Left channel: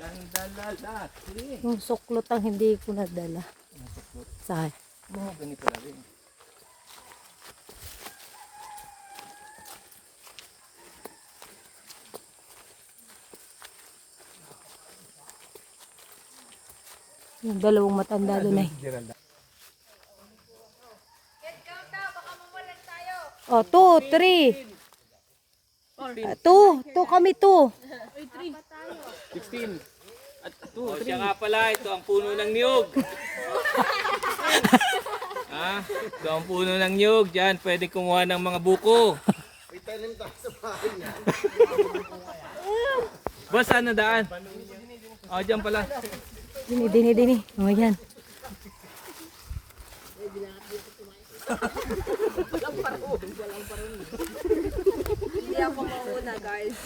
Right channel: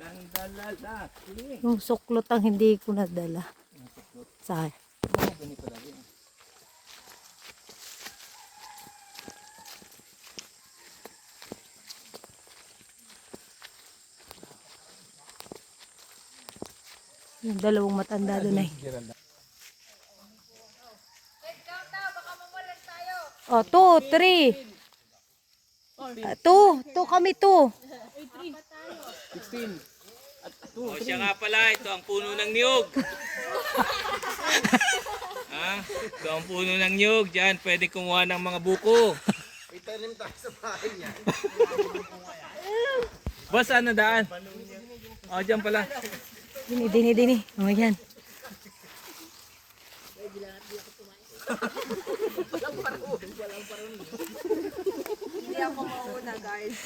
Dandalalaki. Yung suklot ang hindi ko nadala. Sa Oo, ganito na rin. yung dalawang matanda doon ay. Oh, 2, 3. 2 kami 2. 16. At 2, O siya nga pala, ito ang puno ng niyog. Ha? Ito ang puno ng niyog. Diyan, pwede kumuha ng mga buko. Boss, ano daan? O, dyan pala. Dini. Oh, yan. Hindi ako mauna, guys.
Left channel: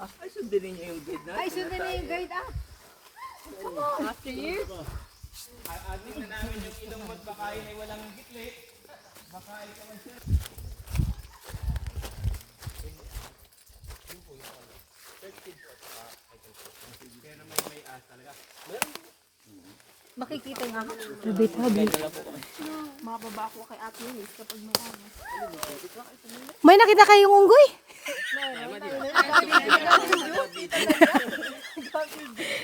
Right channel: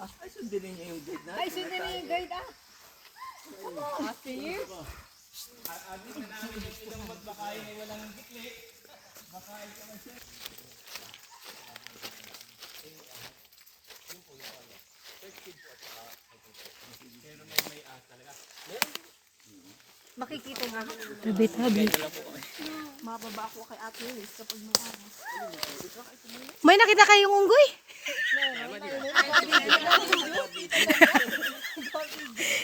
Ay, sundin niyo yung guide na. Ay, sundin na yung guide, ah. After years? Agit na namin yung ilong mo't baka yun ay walang gitli. Baka ikaw man siya. Makikita nga. Tabi. Mababa ako kay Ate Liz kapag may anas. May nakita kayong unggoy?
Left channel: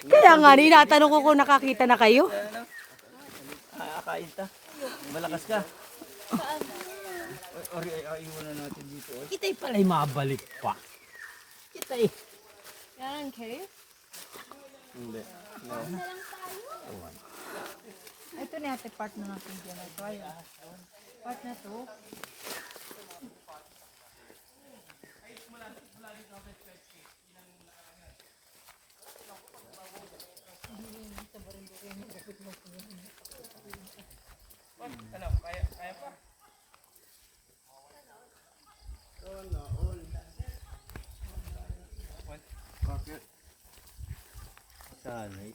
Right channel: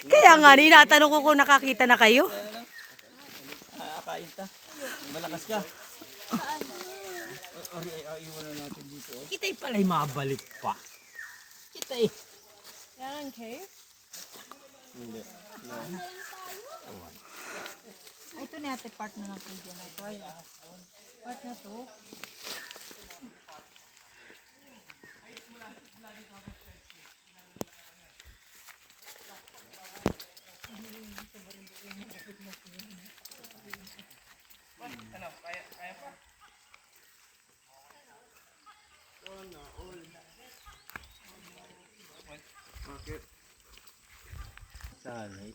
Kaya nga, tinatanong ko kung nakakita na kayo. Kain ta. Malakas ka. Ori ay iwanan natin dito. Kita'y pala'y mabalik pa. Kita'y. Yan, okay? Hindi. No. Ito na ate part na natin dyan. Ito ay part na to. Ano, kaya pa? Bakit? Sanay.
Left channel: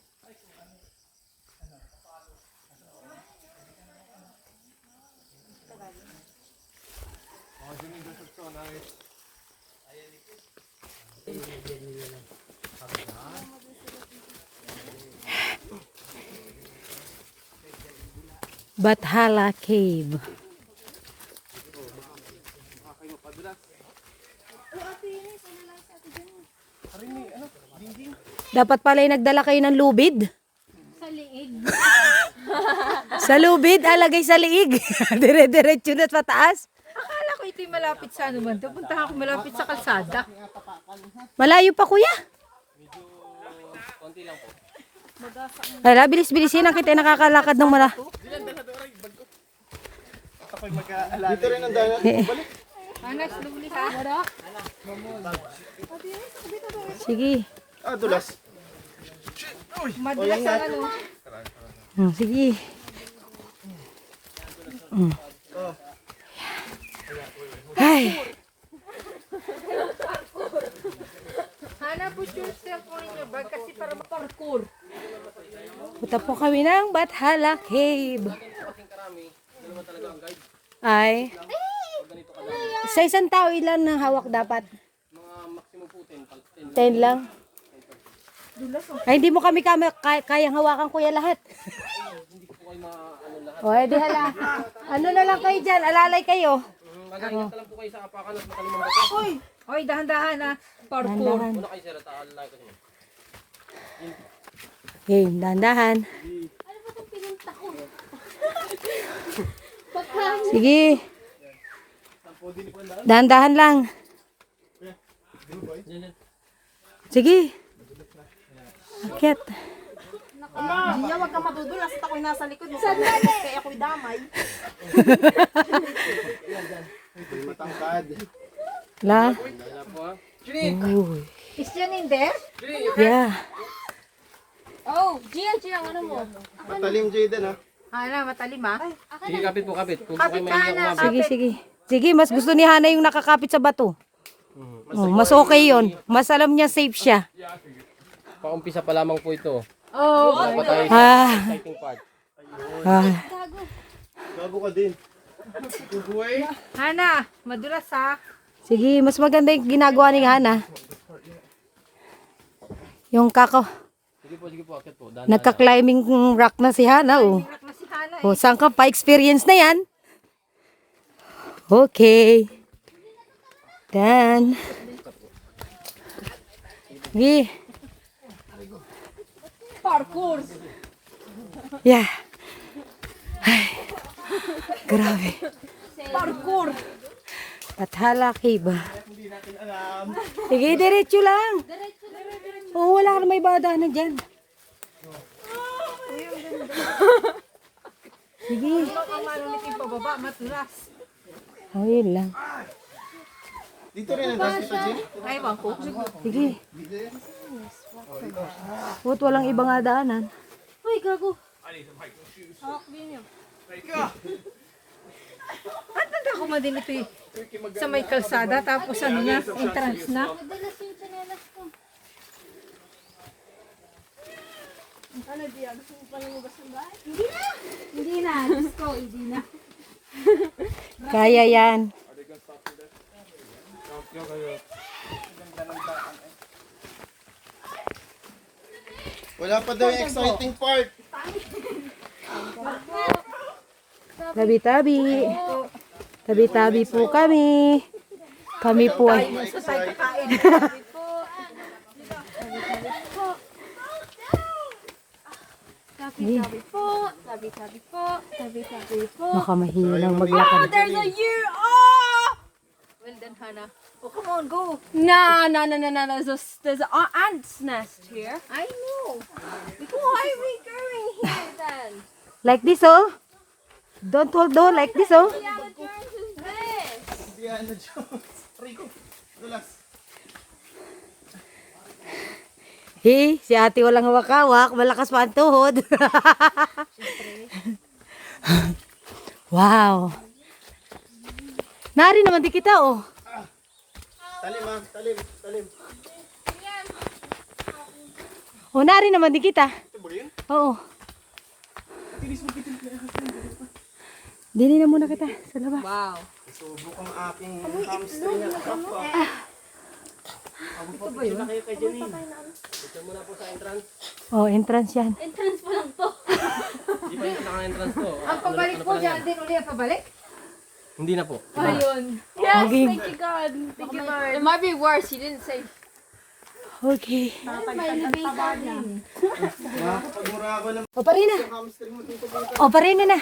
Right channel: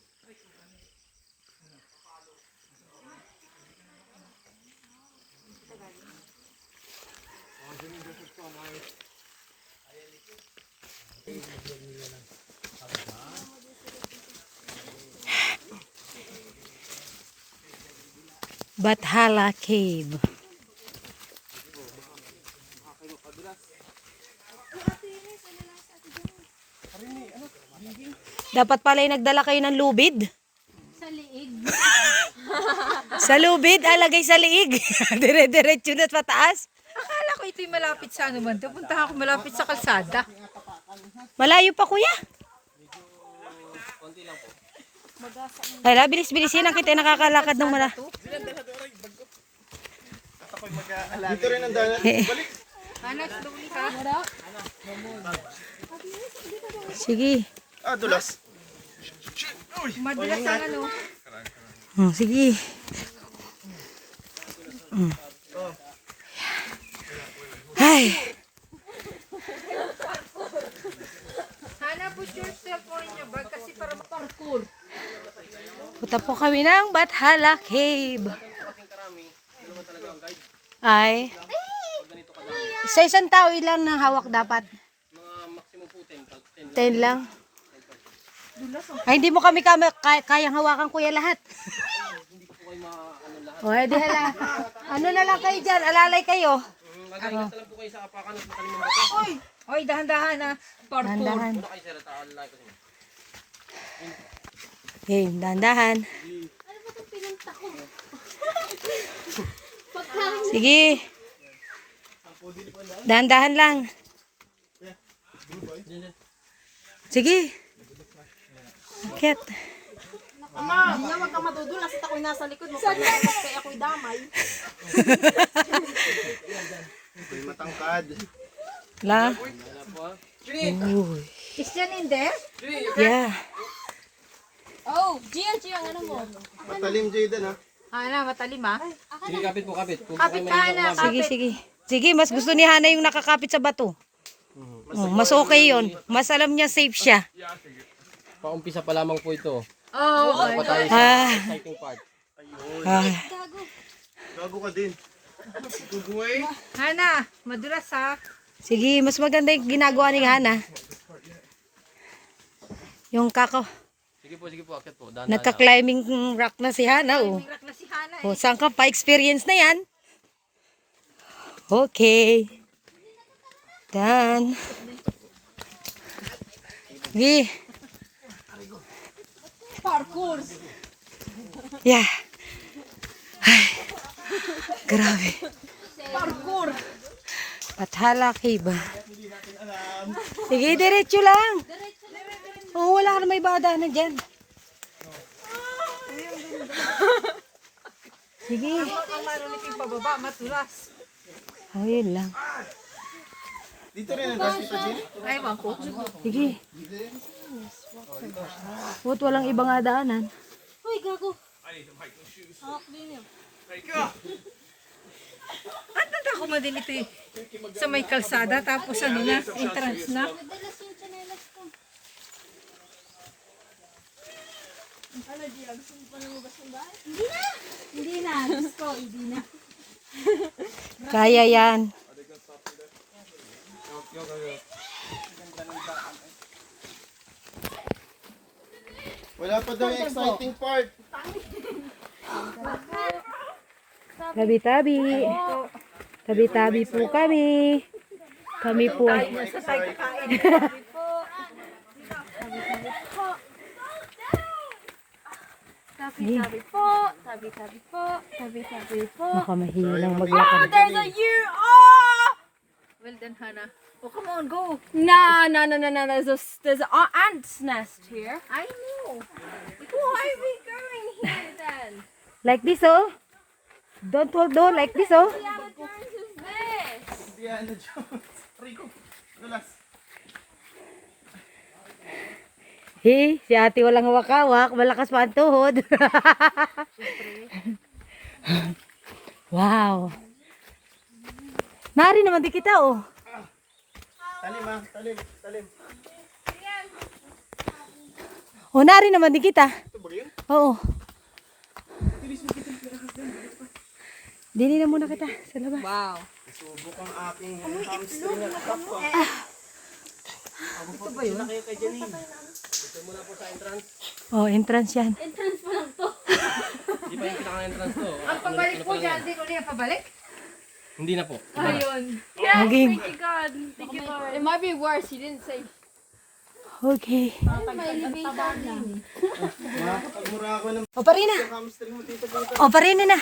Bathala Cave. Dapat pala nagdala kayo ng lubid. Sa liig. Sa lubid, alagay sa liig. Dire-diretso na pataas. Akala ko ito'y malapit sa ano man. Punta ako malapit sa kalsada. Malayo pa kuya. Wala, bilis-bilisin ang kita nakakalakad ng mara. Dito rin ang dagat. Anas, luli ha? Sige. Ah, dulas. Madulas ang ano. Sige. Ay. Hana, put yourself on your bag kasi para parkour. Punta po kami ng Bathala Cave. Ay. Sa isang tao, ilan ng hawak dapat? 10 lang. Ay, hindi mo kami kayang hawakan kuya lahat. O, edi hala. Ano na lang kayo dyan? Alalay kayo. Oy, dahan-dahan ha. Parkour. Dahan-dahan. Okay, dahan-dahan. Sige. Dahan-dahan lang. Sige. Akit. Hindi wag ka madudulas at ako'y nasa likod mo. Kaya ako'y damay. Matangkad. La. Uy. Is yan in there? Yeah. Oh, Jill, ano mo? Matalim Jayden ha. Hana, matalim ha? Sige, kapit po, kapit. Kung Kapit ka na. Sige. Sige, mas gusto ni Hana yung nakakapit sa bato. Oh, mas okay yon. Mas alam niya safe siya. paumpisa pa lamang po ito. Oh, my God. Exciting part. Gago ka din. Hana, madulas ha? Sige, mas maganda yung ginagawa ni Hana. Yung kakao. Sige po, akit po. Nagka-climbing rock na si Hana. Oh. Rak na si Hana eh. O, saan ka pa? Experience na yan. Okay. Done. Sige. Parkour. Yeah. Ay. Grabe. Parkour. Pathala ba? Sige, diretso lang. Oo, wala ka na may badaanan dyan. Sige. Ang marunong yung pababa, matulas. Oh, yun lang. Dito rin ang ras kita, Jin. Ewan ko. Sige. Bu't walang ibang daanan. Uy, gago. Hawak din yun. At nanda ako madilito eh. Sa may kalsada, tapos ano na, entrance na. Madalas yung chanelas ko. Ano, Gia? Gusto mo pa lumabas ng bahay? Hindi na! Hindi na. Gusto ko, hindi na. Kaya yan. Wala pa daw yung exciting part. Tabi-tabi. Tabi-tabi po kami. Kami po ay... Sa tayo kakain. Tabi-tabi po. Tabi-tabi po. Tabi-tabi po. Baka mahilang maglakad. There's a year! Oh! Well done, Hannah. Oh, come on, go. No. There's an ant's nest here. I know. Why are we going here then? Like this, oh. Don't hold on. Like this, oh. Yours is this. Diana Jones. Rico. Dulas. Hey, si ate walang hawak-hawak. Malakas pa ang tuhod. Wow. Nari naman di kita, oh. Talim ha. Talim. Talim. Oh, nari naman di kita. Ito ba yun? Oo. Dili na muna kita sa labas. Wow. Subok ang aking hamstring na kapwa. Ito ba yun? Kayo kay Jenny. Ito muna po sa entrance. Oh, entrance yan. Entrance pa lang to. Hindi pa yung pinaka-entrance po. Ang pabalik po dyan, din ulit ang pabalik. Hindi na po. Ayun. Yes, Okay. thank you God. Thank you Lord. It might be worse. He didn't say. Okay. Pagmura ako ng O, parina. hamstring mo dito dito. O, parina na.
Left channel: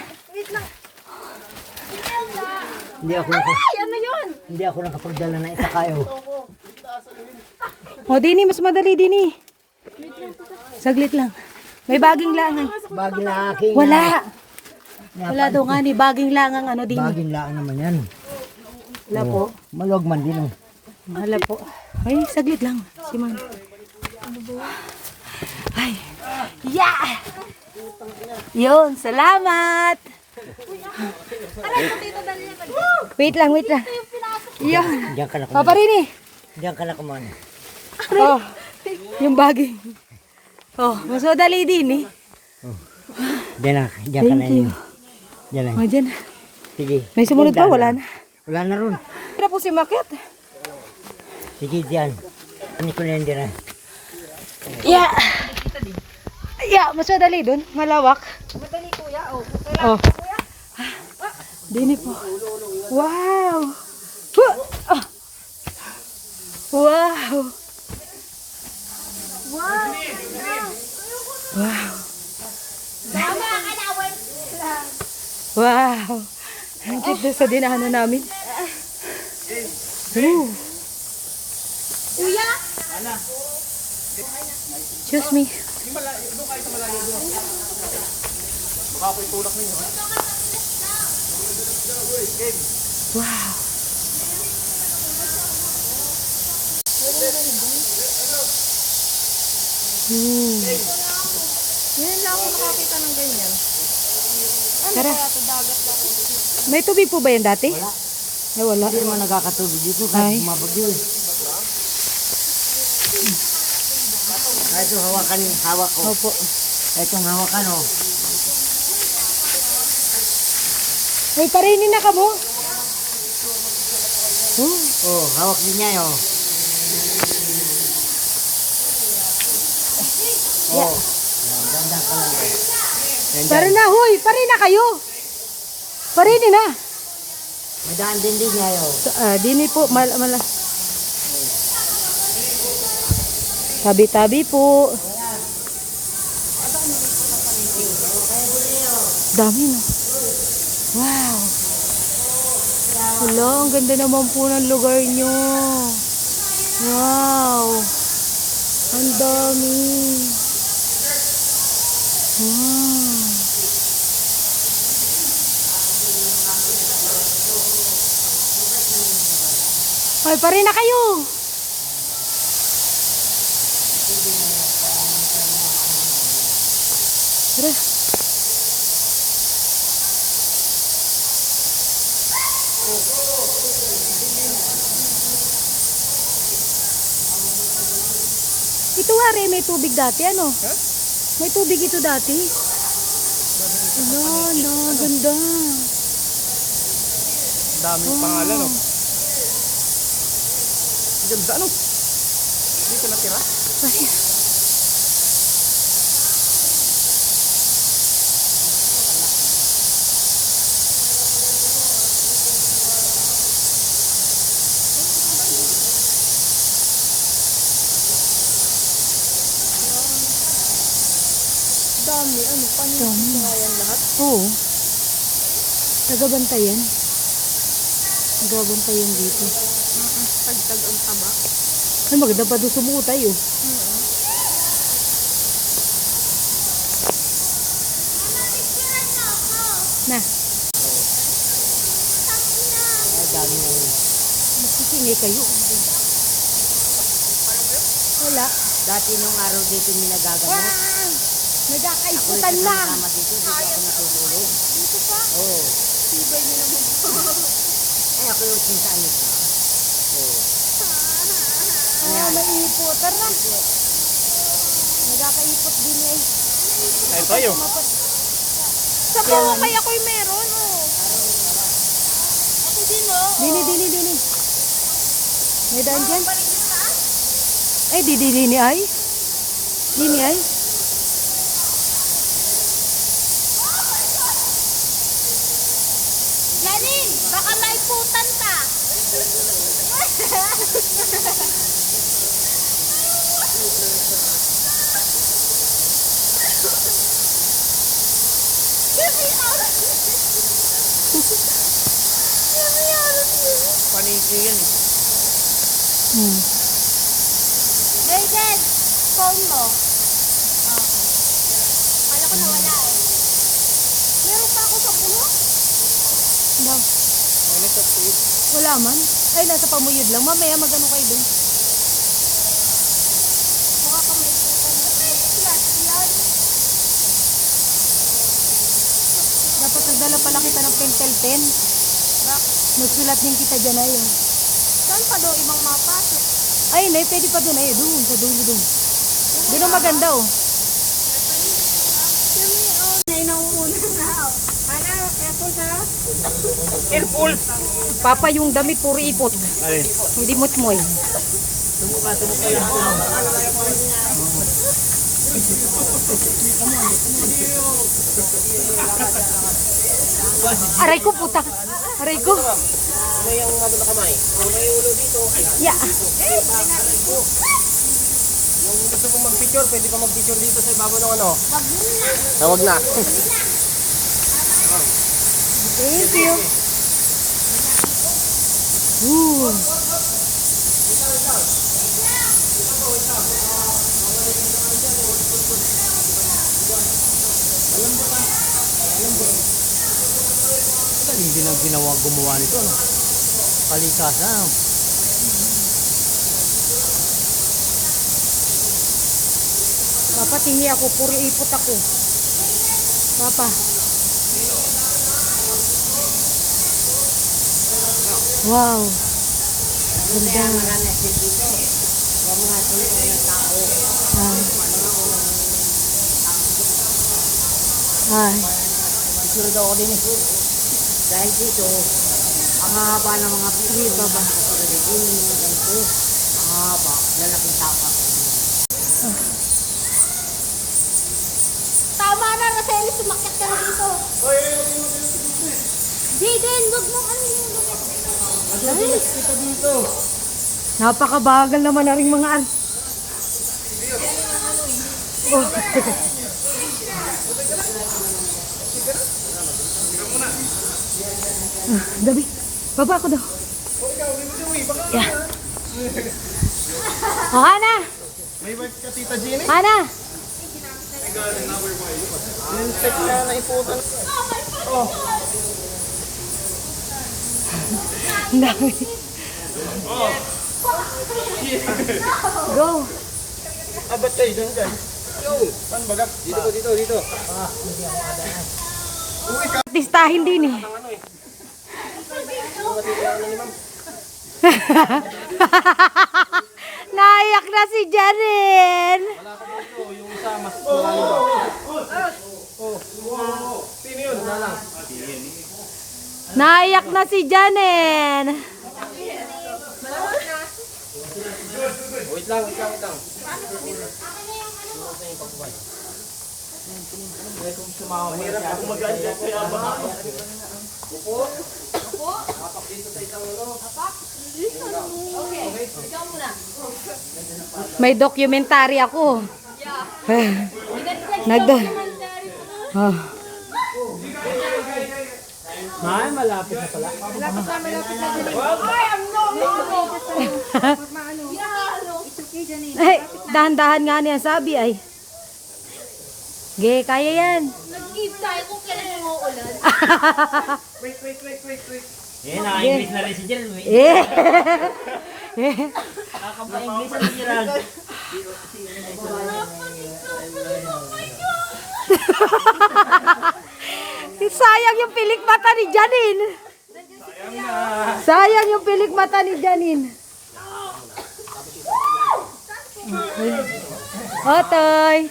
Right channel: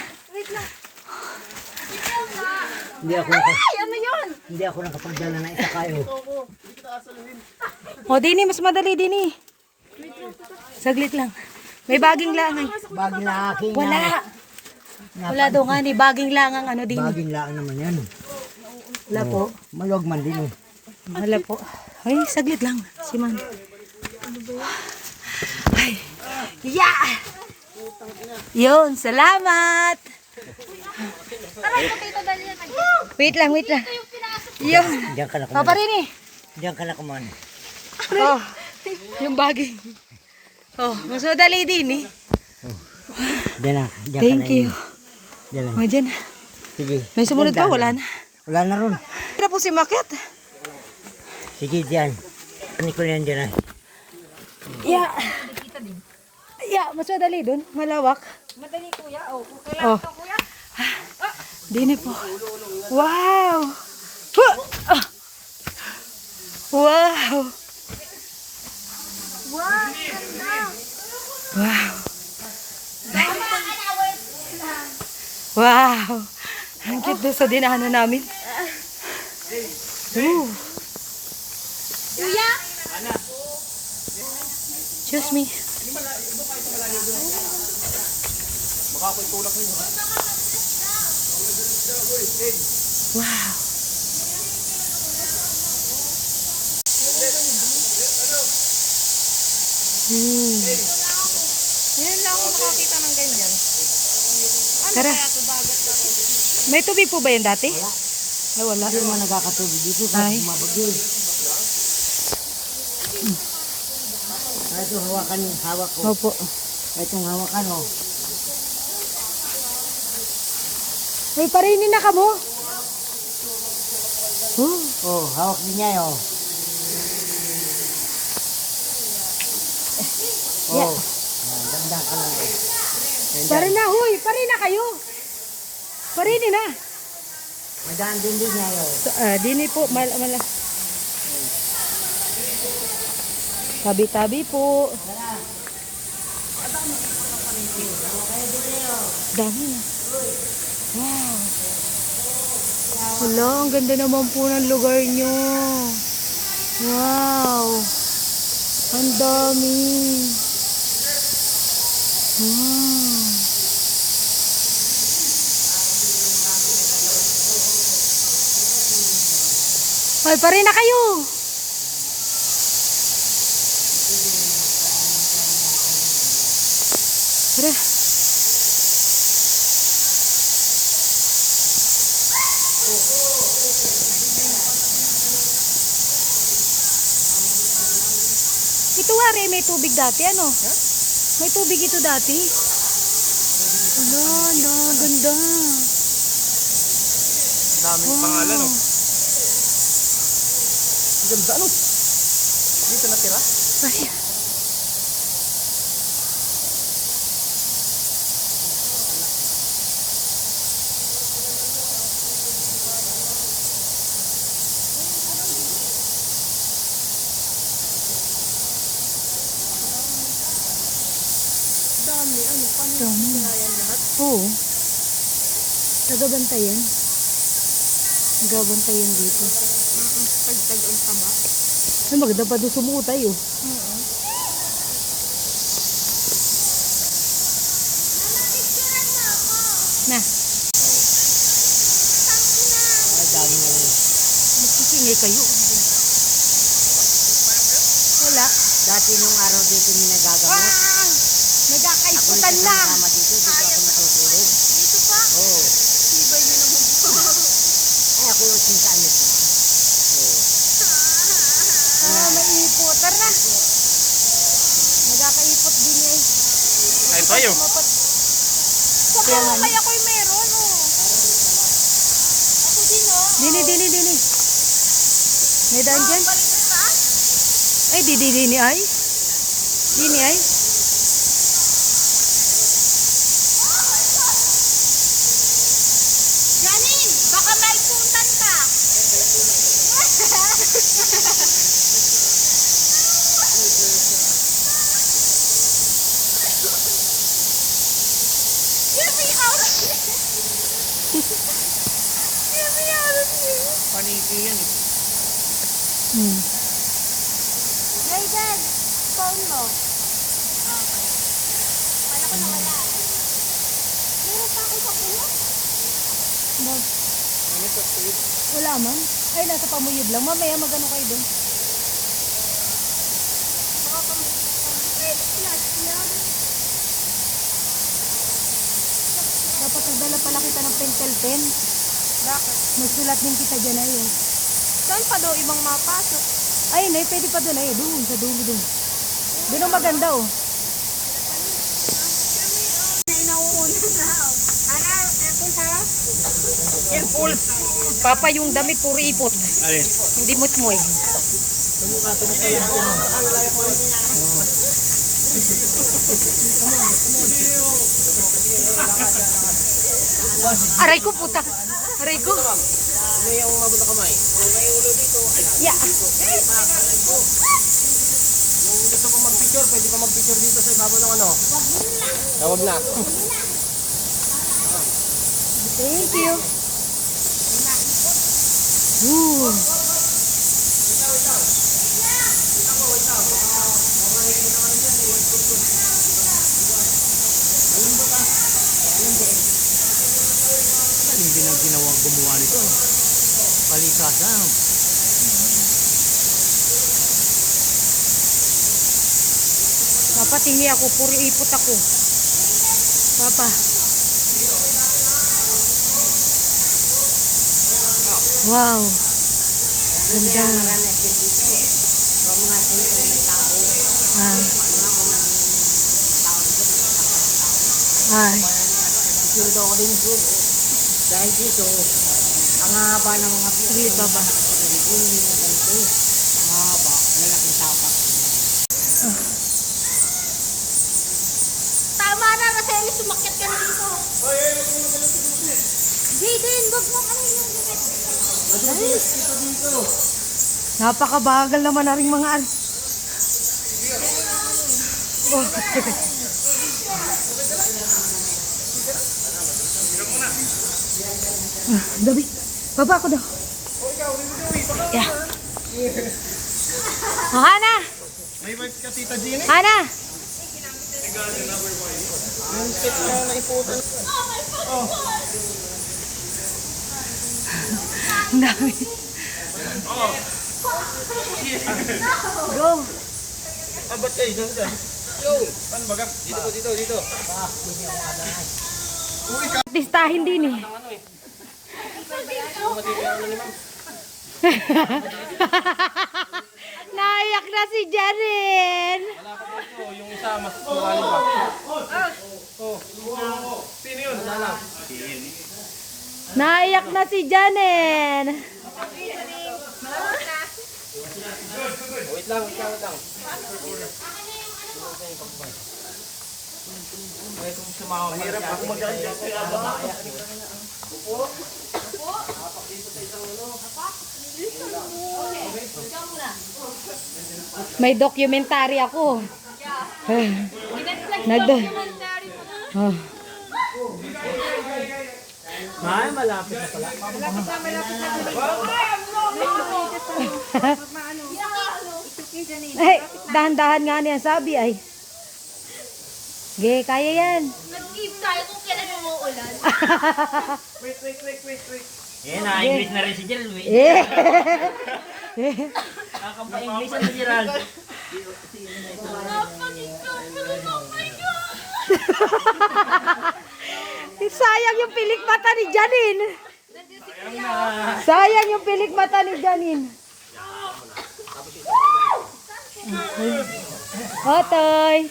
Hindi ako nakapagdala ng isa kayo. O, dini. Mas madali, dini. Saglit lang. May baging langang. Baging lang aking. Wala. Wala daw nga ni. Baging langang ano din. Baging lang naman yan. Wala po. Maluwag man din oh. Wala po. Ay, saglit lang. Si Man. Ay. Yeah! Yun, salamat! Wait lang, wait lang. Yun. Diyan ka na kumain. Paparini. Diyan ka na kumain. Oh, yung baging. Oh, mas madali din eh. Diyan na. Diyan ka na. Thank you. Diyan na. O, dyan. Sige. May sumunod pa, wala na. Wala na ron. Tira po si Maket. Sige diyan. Hindi ko na yan dyan. Yeah. Yeah, mas madali dun. Malawak. Madali kuya, oh. Oh. Dini po. Wow. Huh. Ah. Wow. Wow. Wow. Ang cute sa dinaanan namin. Ooh. Kuya? Excuse me. Wow. Yan lang ako nakakita ng ganyan. Tara. May tubig po ba yan dati? Ay, wala. Hindi naman nagkakatubig dito. Ay. Kahit bumabagyo eh. Ito hawakan, hawak ko. Opo. Itong hawakan oh. Uy, parinin na ka mo. Oh, hawak din niya oh. Yan, ganda ka lang. Pare na, huy! Pare na kayo! Pare na! Madaan din din ngayon. Dini po, tabi-tabi po. Dami na. Wow. Wala, ang ganda naman po ng lugar nyo. Wow. Ang dami. Wow. Hoy, pare na kayo. Tara. Ito nga rin, may tubig dati, ano? May tubig ito dati. Ala, ganda. Daming pangalan, oh. Ganda, ano? Dito natira? Pare. Dami, ano, paano Dami. yan lahat? Oo. Tagabantayan. Tagabantayan dito. Tagtag ang taba. Ay, maganda pa doon sumuko tayo. Na. Magsisingay kayo. Wala. Dati nung araw dito ni nagagamot. Nagkakaiputan na. Tama dito, dito ako natutulog. Dito pa? Oo. Tibay niyo naman po. Ay, ako yung sintaan nito. Maiiputan na. Nagkakaipot din eh. Ay, tayo. Sa mga kaya ko'y meron, oh. Hindi, no? Dini. May daan dyan? Ay, dini ay. Dini ay. Janin, baka may putan pa. Paniki yan, eh. Hayden, phone mo. Meron pa ako sa puno? Ano sa tuwid? Wala man. Ay, nasa pamuyod lang. Mamaya magano kayo doon. Dapat nagdala pala kita ng pentel pen. Nagsulat din kita dyan ay. Saan pa daw ibang mapasok? Ay, nay, pwede pa doon ay. Doon, sa dulo doon. Doon ang maganda oh. Careful! Papa, yung damit puro ipot. Ay. Hindi mutmoy. Tumuka lang. Aray ko, puta. Aray ko. Ano yung mabot na kamay? May ulo dito. Ay, Yeah. kung gusto mo mag-picture, pwede ka mag-picture dito sa ibabaw ng ano? Wag na. Thank you. Ooh. Hindi na gumawa nito, no? Kalikasan. Papa, tingi ako. Puro ipot ako. Papa. Wow. Ganda. Ah. Ay. Picture daw ako din. Dahil dito, ang haba ng mga Sige, Baba. ganito. Ang haba, lalaking tapak. Eli, sumakit ka na dito. Jaden, wag mo ano yung gupit. Napakabagal naman na rin mga Oh. Dabi, baba ako daw. Yeah. Oh, Hana! May wife ka, Tita Jeannie? Hana! Yung set na naiputan. Ang dami. Go! Ba't kayo dyan dyan? Saan baga? Dito. Artistahin din eh. Naiyak na si Jaren. Yung isa, mas malalim pa. Sino yun? Naiyak na si Janen. Wait lang. Mahirap ako mag-adjust. May documentary ako. Oh. Malapit na pala. Ay, dahan-dahan nga niya sabi ay. Ge, kaya yan. Nag-give tayo kung kailan umuulan. Eh, na-English na rin si Gerald. Eh. Nakapa-English na si Gerald. Sayang yung pilik mata ni Janine. Sayang yung pilik mata ni Janine. Otoy.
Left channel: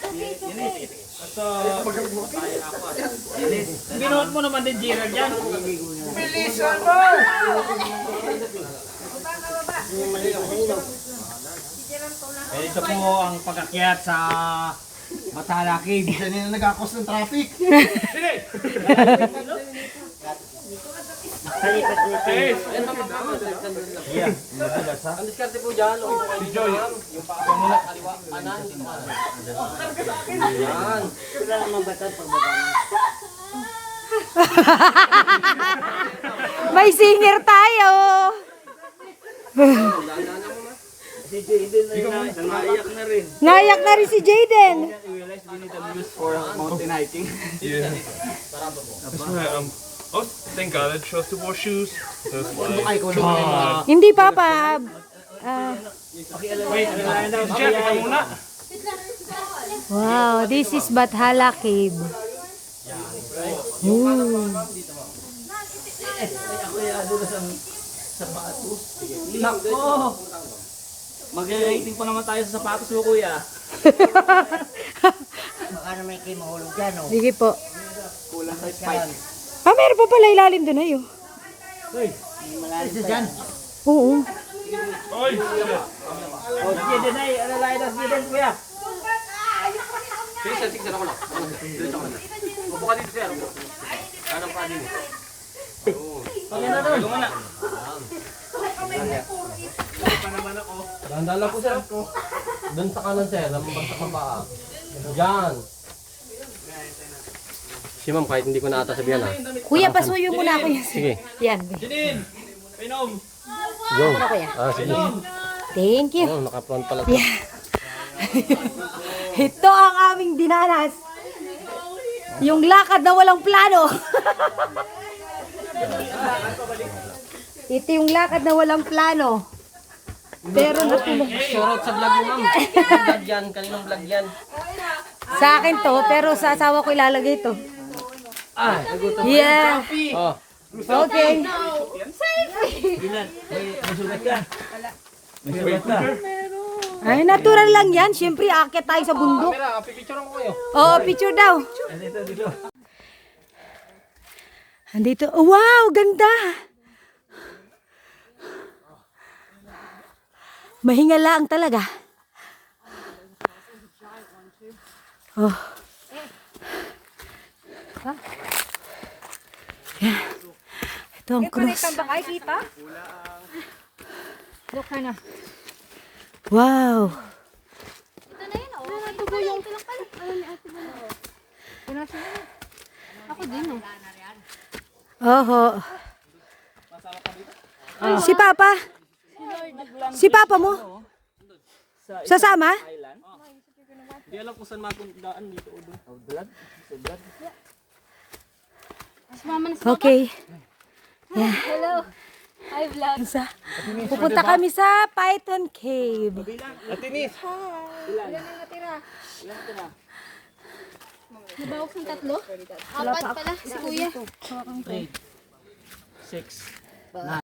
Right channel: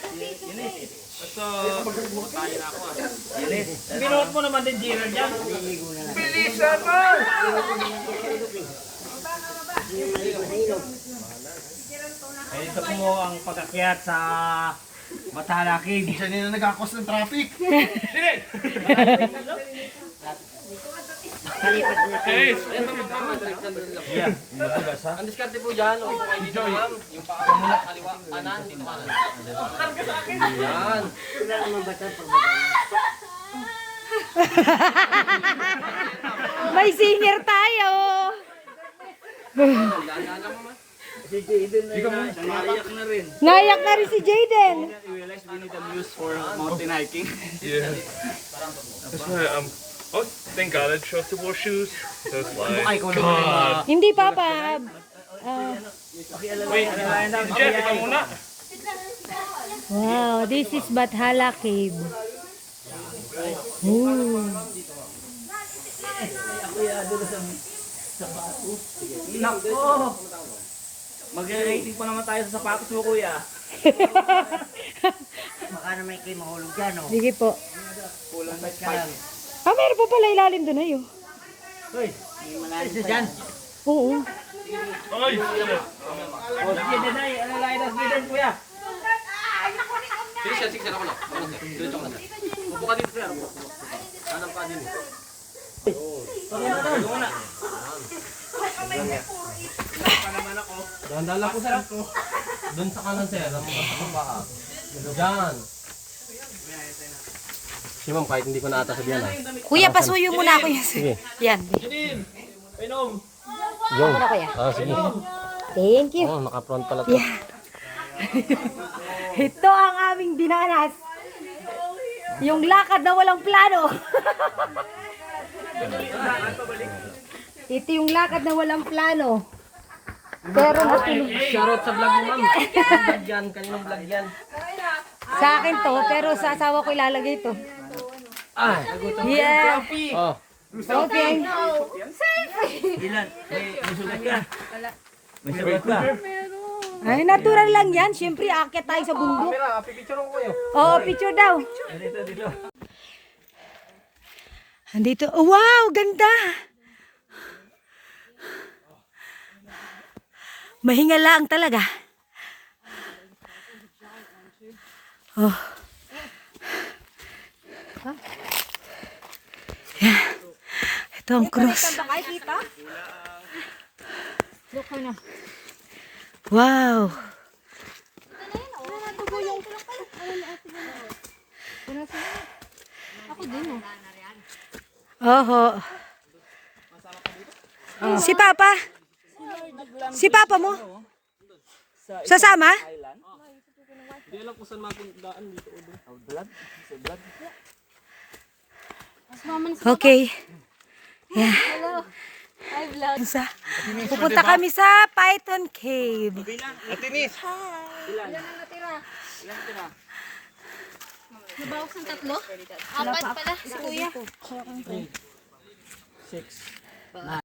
Binuhat mo naman din Gerald yan. Bilisan mo! Eh, ito po ang pagkakyat sa Bathala Cave. Siya nila nag-akos ng traffic. Ang diskarte po dyan, o kayo dito lang, yung pakakala, kaliwa, kanan, dito kanan. Yan. May singer tayo. Naiyak na rin. Nayak na rin si Jaden. You realize we need a muse for mountain hiking? Yeah. That's why oh, thank God I chose to wear shoes. That's why. God. Hindi papa. Jeff, ikaw muna. Wow, this is Bathala Cave. Ooh. Mag-rating pa naman tayo sa sapatos mo, kuya. Baka naman kayo mahulog dyan, oh. Sige po. Kulang sa spike. Ah, meron pa pala ilalim doon ayo. Hoy, malalim pa yan. Oo. Ay, shit. Oh, sige, Denay. Ano lang ito? Sige, kuya. Sige, ako lang. Diretso ka na. Upo ka dito, sir. Kanang pa din. Pagyan na muna. Dahan-dahan lang po, sir. Doon sa kanan, sir. Lamabas sa paa. Diyan. Si ma'am, kahit hindi ko na ata sabihan, ha? Kuya, pasuyo muna ako yan. Sige. Yan. Go. Ano kuya? Sige. Thank you. Oh, naka-front pala. Yeah. Ito ang aming dinanas. Yung lakad na walang plano. Ito yung lakad na walang plano. Pero Shoutout sa vlog mo, ma'am. Anong vlog yan? Kaninong vlog yan? sa akin to, pero sa asawa ko ilalagay to. Yeah. Oh. Okay. Ay, natural lang yan. Siyempre, aakyat tayo sa bundok. Camera, pipicture ko kayo. Oo, picture daw. Andito. Oh, wow, ganda. Mahinga lang talaga. Oh. Ito ang cross. Ay, kita? Look ka na. Wow. Tugo yung... Ako din, oh. Oho. Si Papa? Si Papa mo? Sasama? Hindi alam kung saan mapundaan dito o doon. Okay. Yeah. Hello. Hi, vlog. Pupunta kami sa Python Cave. Atinis. Ilan ang natira? Nabawas ng 3? 4 pala, si kuya. 6.